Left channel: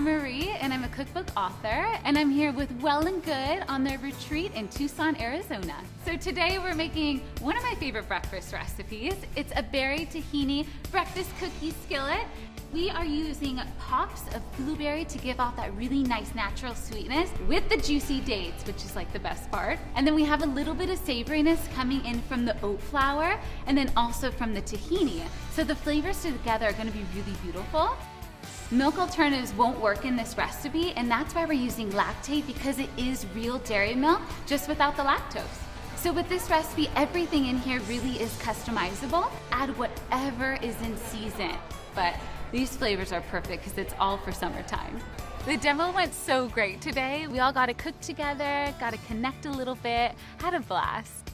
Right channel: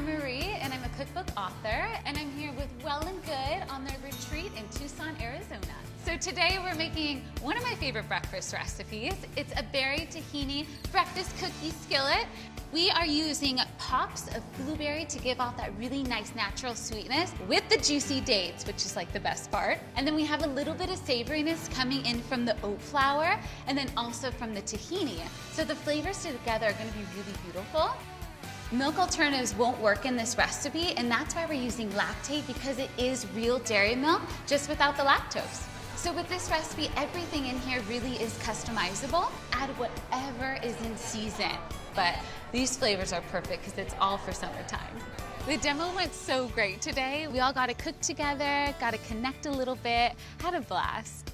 I'm Marie, and I'm a cookbook author, and I'm here with Well+Good on their retreat in Tucson, Arizona. So today we're making one of my favorite breakfast recipes. It's a berry tahini breakfast cookie skillet. We are using pops of blueberry to give off that really nice natural sweetness with the juicy dates, which is like the best part. And then we have a little bit of savoriness coming in from the oat flour and then also from the tahini. So the flavors together are gonna be really beautiful. Milk alternatives won't work in this recipe, and that's why we're using Lactaid, because it is real dairy milk, just without the lactose. So with this recipe, everything in here really is customizable. Add whatever is in season, but these flavors are perfect because it's all for summertime. The demo went so great today. We all got to cook together, got to connect a little bit, had a blast.